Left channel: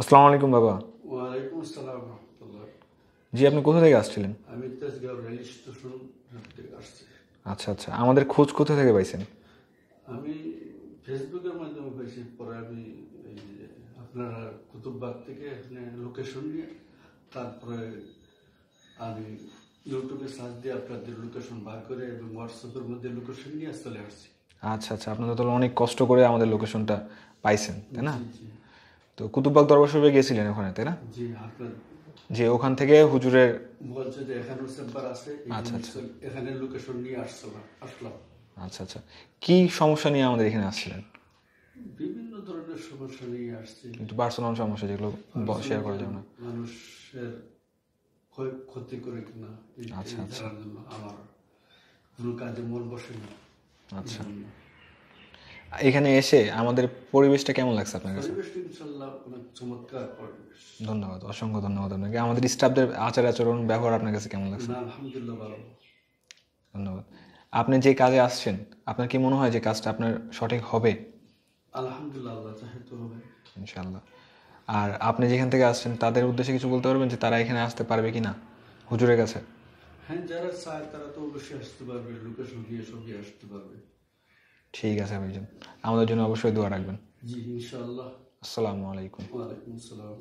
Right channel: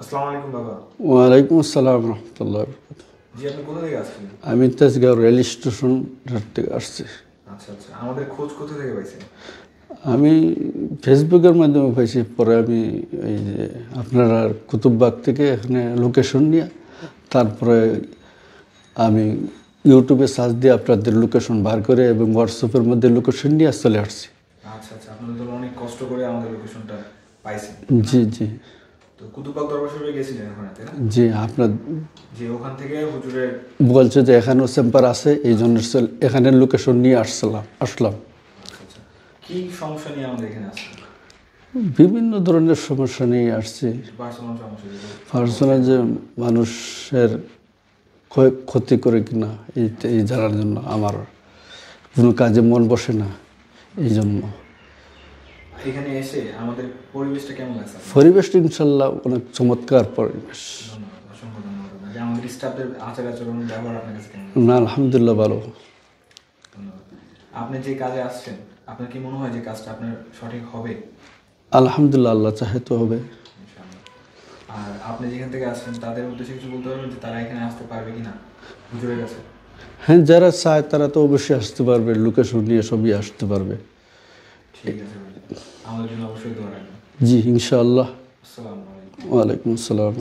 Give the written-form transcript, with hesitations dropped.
আসসালামু আলাইকুম বাবা। ওয়ালাইকুম আসসালাম রহমতুল্লাহ। জি, আপনি কোথা থেকে আসছিলেন? আমি তেজগাঁও রেল স্টেশন থেকে আসছি। আচ্ছা আচ্ছা, আমাদের খোঁজ কোথা থেকে পাইছেন? আমি ফেসবুকের মাধ্যমে পাইছি, পরে আমি এই যে আপনারা কুতুববাগ থেকে এখানে লোকেশন নিয়ে তারপরে আমি ইউটিউবে সার্চ দিয়ে আপনাদের লোকেশন বার করে এবং হোয়াটসঅ্যাপের মধ্যে লোকেশন নিয়ে চলে আসছি। আচ্ছা আচ্ছা, আপনারা তাহলে অনেক কষ্ট করে আমাদের লোকেশনটা পাইছেন, তাই না? জি জি তো কুতুববাগ দরবার শরীফে গিয়েছিলেন ওখানে, তাই না? জি। আপনার যে ওখান থেকে হুজুরের। বলছে যে এখানেও চেম্বার আছে, এই জন্য এখানে লোকেশন নিয়ে আসলাম। আচ্ছা আচ্ছা, কি সমস্যা নিয়ে আমাদের এখানে আসছিলেন? বিভিন্ন ধরনের সমস্যা নিয়ে আসছি। পার্সোনাল সমস্যা যেগুলো পার্সোনাল যে মানুষের ক্ষতি করে কিনা এই জানার জন্য আমার কোনো কাজে মন বসে না, এই জন্য। এখানে এসে আমাদের পরিবেশটা কেমন লাগছে আপনার? পরিবেশটা ইনশাল্লাহ অনেক চমৎকার পরিবেশ। ধন্যবাদ, অসংখ্য ধন্যবাদ আপনাকে। আমাদের স্টাফদের আচার আচরণ ব্যবহার আপনার কাছে কেমন লাগছে? না, আলহামদুলিল্লাহ ভালো। ধন্যবাদ। আপনি যে কাজে আসছেন, আপনার কি মনে হয় যে কাজটা আপনার সঠিক হবে? আলহামদুলিল্লাহ, আল্লাহ চাহে তো হবে ইনশাআল্লাহ। আর আপনি যেখান থেকে আসছেন তাদের উদ্দেশ্যে কিছু বলতে পারবেন যে তারা এখানে আসতে পারবে কিনা হুজুরের কাছে? হ্যাঁ, যারা চায় তারা তো অবশ্যই আসতে পারবে, লোকেশন নিয়ে সবই আসতে পারবে। ঠিক আছে ভাইজান, আমাদের জন্য অবশ্যই দোয়া রাখবেন। জি ইনশাআল্লাহ। আসসালামু আলাইকুম। ওয়ালাইকুম আসসালাম।